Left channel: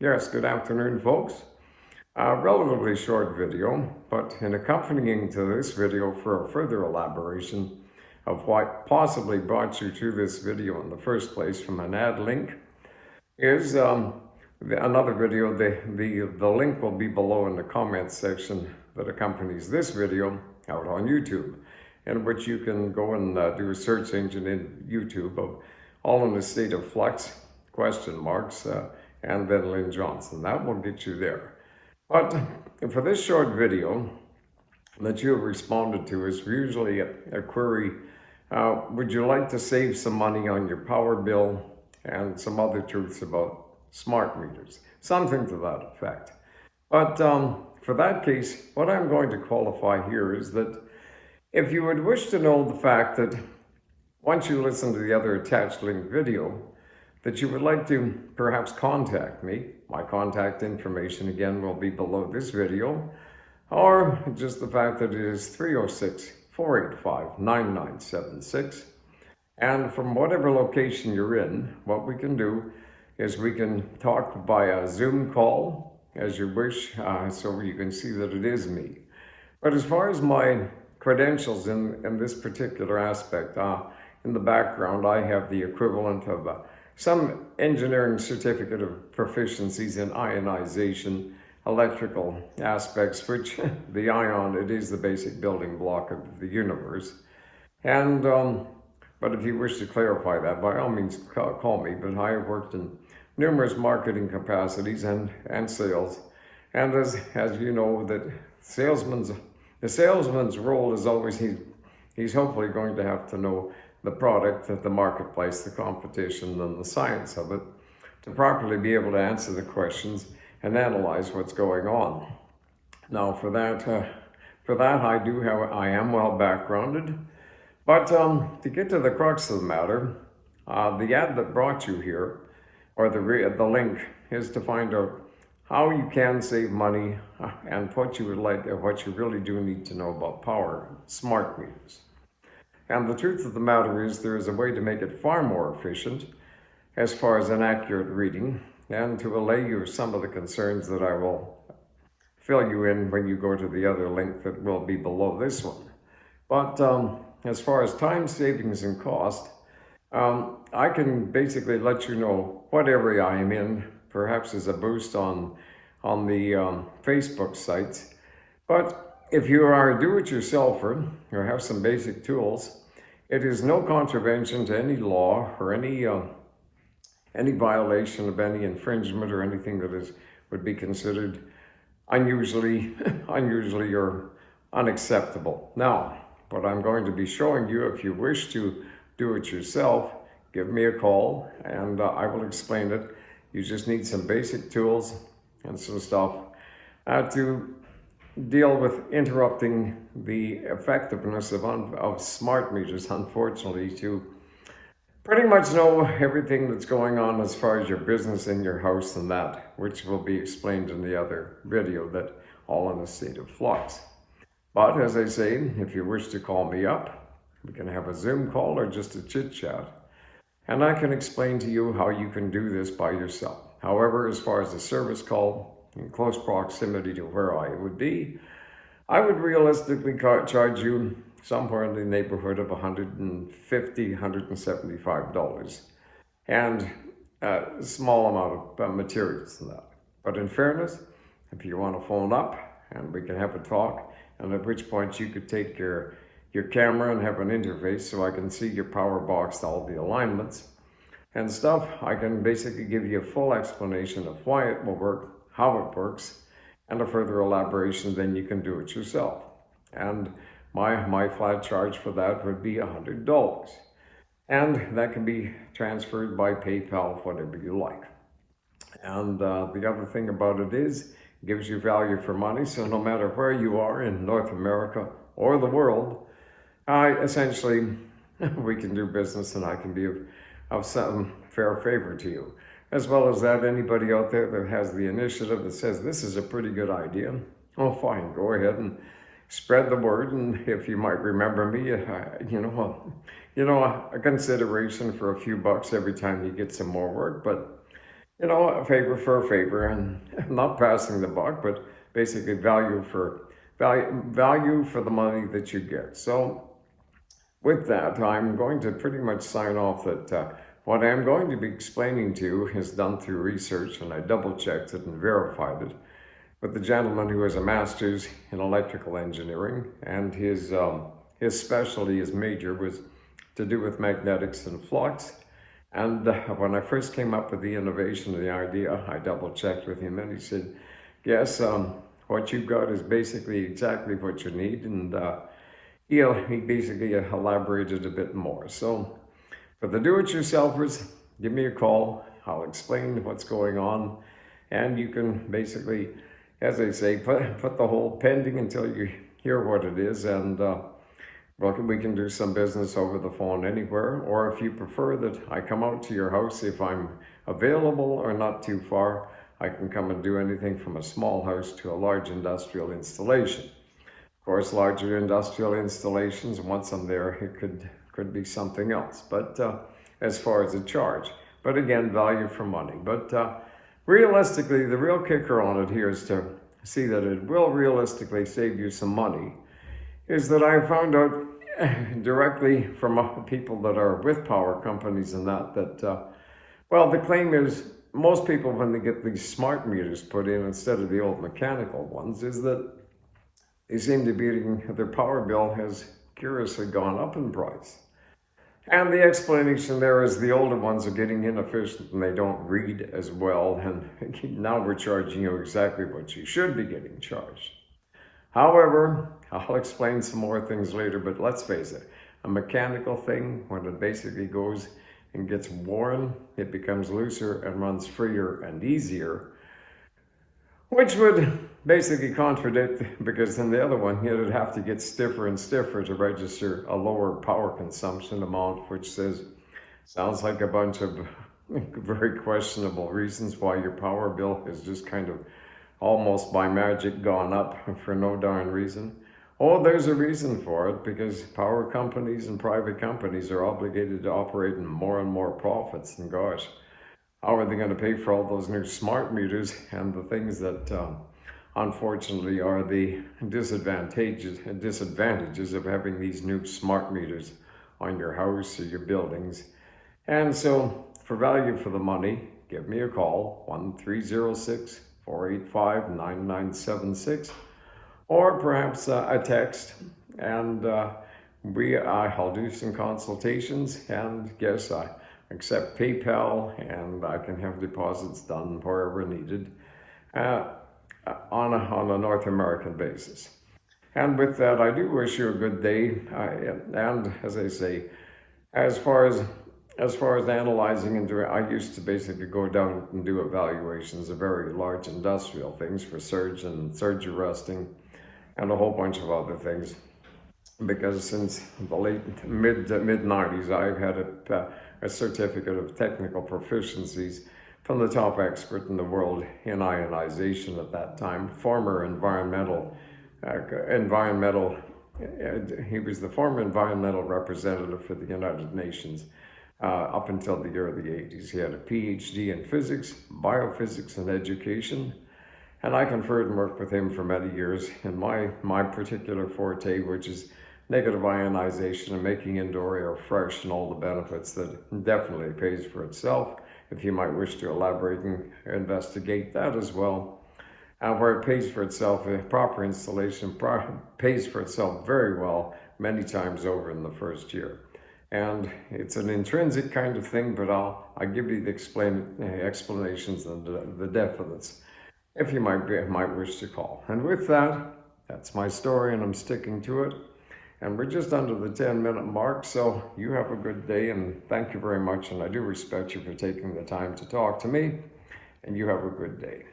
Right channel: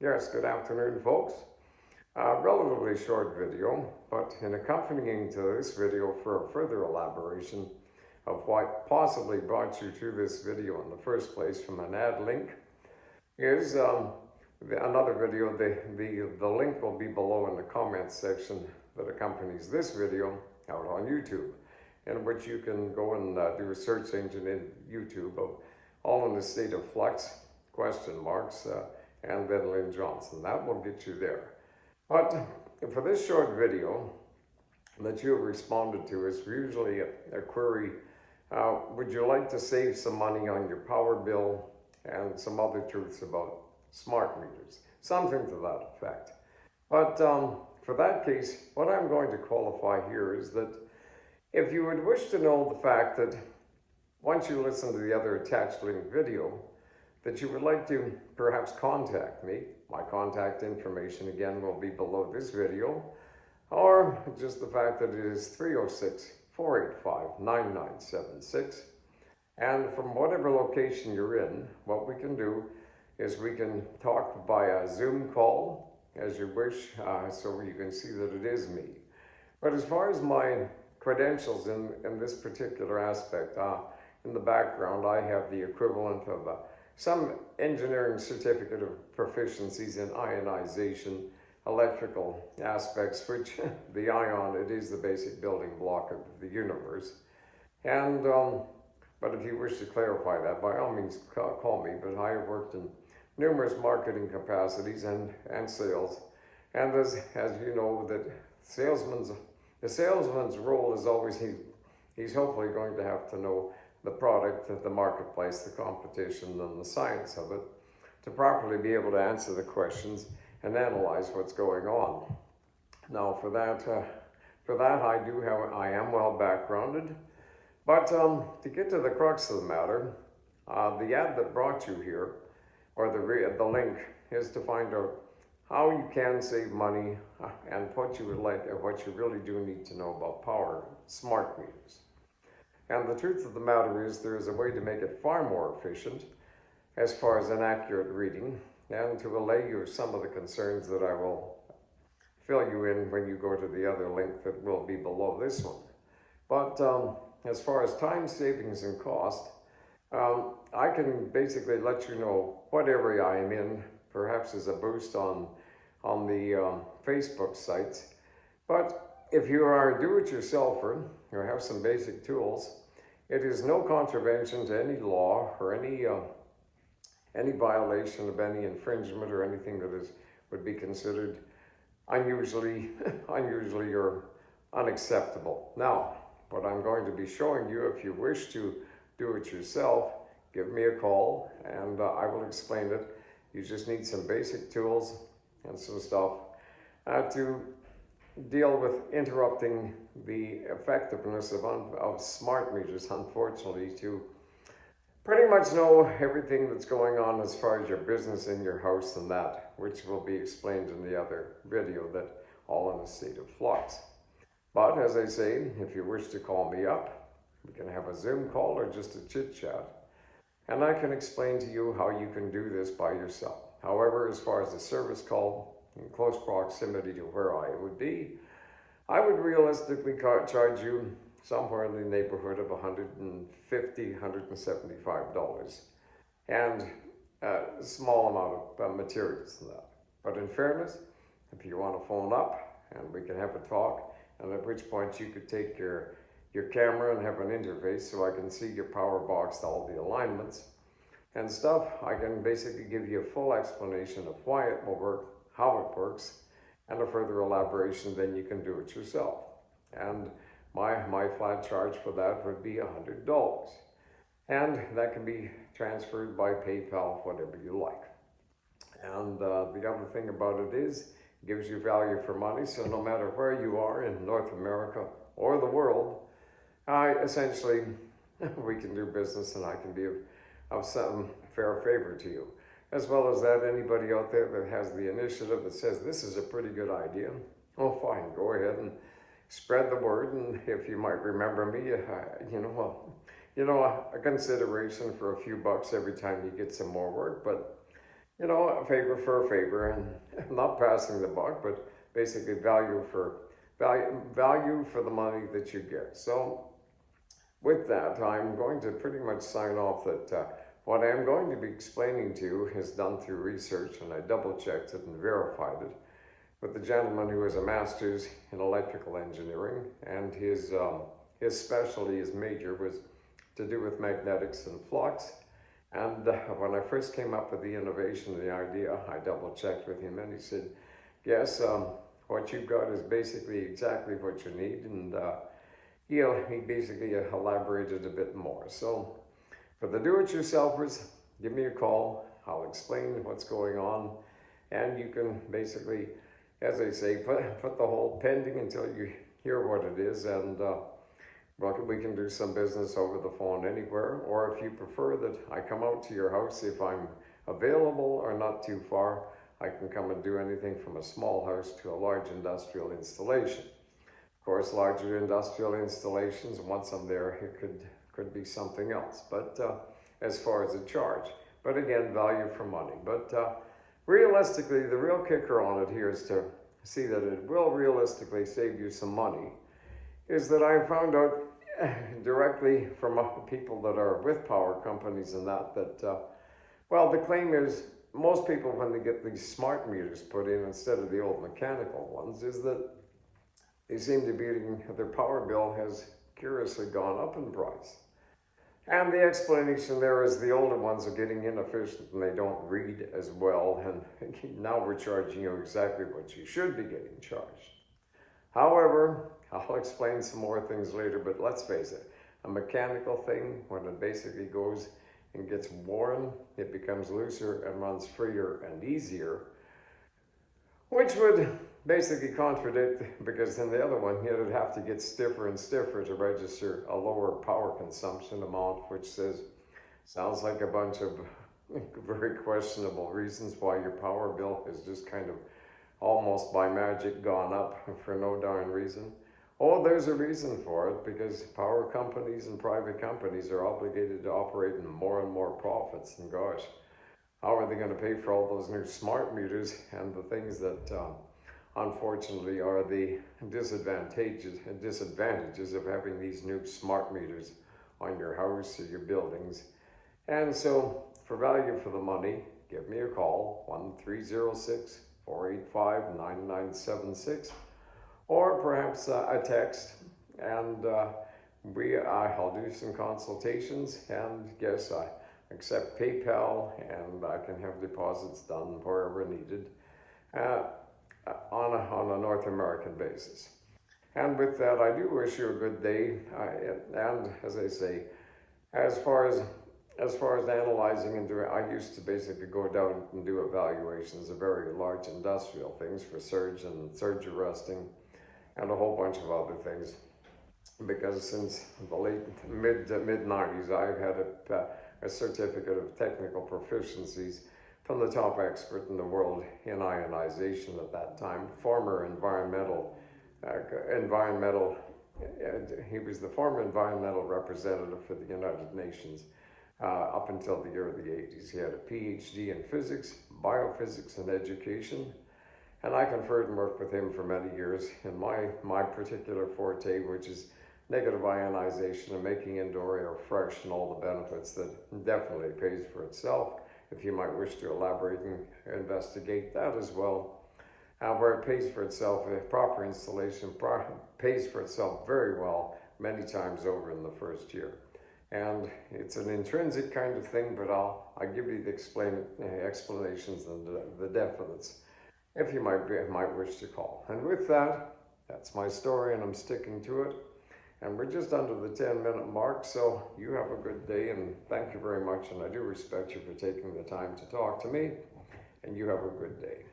Yes, good afternoon, folks. A relatively short video, but in accompanying to this video for a further elaboration of what possibly brought you to this video in the first place from an ad link is another video. The link will be below in the comments section that accompanies this video out on YouTube, in which you can go and do a search engine in YouTube of All in a State of Flux, ? And then Lynn Johnson. That will get you there. But for this short video that you have responded to is usually a query, would you like to save some money on your power bill, and some other truths about smart meters, something to that effect. But for that case, what I'm going to qualify here is that if you would wish to know the fact that once you listen to the other attached link video, that you would like to perhaps contact me. My contact information again will be below this video, or just the fact that it is 306-485-9976. And from whatever location you're in, what we can do is we can talk by a Zoom call as you wish, so you can see that it is me. But as far as my credentials in this particular aspect, in the background I have the equivalent of some engineering certificate of proficiencies in ionization, electrical aspects, which the ion, it is the basic building block of the universe. And, but if you wish to clarify that, by all means call me, but I have worked in numerous marketing capacities and sales. And as you know, that the salesman's role is always, he's hopefully going to have to know the product, the marketplace, the competition, and the science of it to properly be able to answer the questions and analyze what's going on. Now, for that I am well backgrounded, but to get to the crux of the matter, the ad that brought you here, or the link, is to find out how you can save money and what you really do need to know about power smart meters. And the truth of the matter is there is a way to make it far more efficient as far as an accurate reading, and to allay you of some of the concerns that I will fill you in when you go to the other link that will be below this one. But as far as time savings and cost, I can basically let you know what area I am in, perhaps as a boost on the Facebook sites. But if you are a do-it-yourselfer or have some basic tools, it is no contravention to any law or any violation of any infringement or anything that would be considered unusually or unacceptable. Now, what I'm going to be showing you, if you wish to do it yourself, give me a call and I will explain it. You just need some basic tools and some stuff to deal with interrupting the effectiveness of smart meters, unfortunately, to pretty much know everything that's going on as far as your business in your house and that, which will be explained in the other video, that All in a State of Flux. But as I say, if you wish to call me up, we can have a Zoom call or just a chit chat, and I can explain to you how you can do this by yourself. However, as far as a service call, in close proximity to where I would be, I would realistically charge you somewhere in the neighborhood of $150, $175, and a small amount of materials in that. But in fairness, if you want to phone up and we can have a talk, and at which point you could take your camera and have an interface so I can see your power box, all the alignments and stuff, I can basically give you a full explanation of why it will work, how it works, and a further elaboration, then you can do it yourself. And my flat charge for that would be $100. And that can be transferred by PayPal, whatever you like. And the other thing about it is, it gives you value for money, so no matter where you are in North America or the world, essentially, we can do business and I can be of some fair favor to you. As well as that, anybody out there that has the initiative that says this is a pretty good idea, well, fine, go ahead and spread the word. And if you might remember me, a consideration for a few bucks every time you get some more work. But you know, a favor for a favor, and not passing the buck, but basically value for the money that you get. So with that, I'm going to pretty much sign off that what I'm going to be explaining to you is done through research, and I double checked it and verified it with the gentleman who has a master's in electrical engineering, and his specialty, his major, was to do with magnetics and flux. And when I first came up with the innovation of the idea, I double checked with him, and he said, yes, what you've got is basically exactly what you need. And he basically elaborated a bit more. So for the do-it-yourselfers, give me a call. I'll explain what's going on, and you can basically, as I say, put the hold pending until you hear what it is, and we can do some business over the phone anywhere, or if you prefer that I come out to your house, if I'm available or not too far, I can come and do anything from a small house to a large industrial installation. Of course, larger industrial installations, once I'm there, it could be something else, but as far as the charge. But again, value for money. But realistically, the real kicker on it here is to see that it will realistically save you some money, is that I found out directly from people that are with power companies and well, the claim is most people, when they get these smart meters put in instead of the old mechanical ones, is that they seem to be their power bill has curiously gone up in price. And the explanation there is the older ones are getting inefficient and they don't read as well, and now we're charging you exactly what you should be getting charged. However, I'll explain some more things later, but let's face it, a mechanical thing, when it basically goes and gets worn, it becomes looser and runs freer and easier, which would basically contradict, because in the other one, you'd have to get stiffer and stiffer to register a lower power consumption amount, which sounds like a bunch of very questionable reasons why your power bill is just kind of almost by magic gone up for no darn reason. Oh, there's a reason for it, because power companies and private companies are obligated to operate in more and more profits, and gosh, how are they going to pay for all those new smart meters and the things that unfortunately are the disadvantages of having these new smart meters on your house or your buildings? And so for value for the money, give me a call, 1-306-485-9976, or perhaps a text, and I'll do some consultations, and yes, I accept PayPal, and I can have deposits done wherever needed on a North American basis. And with that, I do wish you a good day. And as I say, as far as analyzing and doing, I used to basically go down and do evaluations of very large industrial things for surge and surge arresting and a whole bunch of other things. Because since the mid 90s, I've had a certificate of technical proficiencies from the top expert in the world in ionization at that time, former he was the former environmental representative for the United Nations up until the early 80s. He had a PhD in physics, biophysics, and education, and I conferred and worked with him for many years in my particular forte, which is negative ionization and making indoor air fresh and all the benefits that definitely pays for itself. If you might wish to elaborate and investigate that as well. Where it pays for itself, a proper installation pays for itself very well many times over in the first year. And it's an intrinsic kind of thing, but I'll give you the explanations and the definite if you might wish to call. And with that, that's my story, and I'm sticking to it. And we're just under the 10-minute mark, so you have a good day, and thank you very much. And I do respect you for taking the time to talk to me, and you have a good day.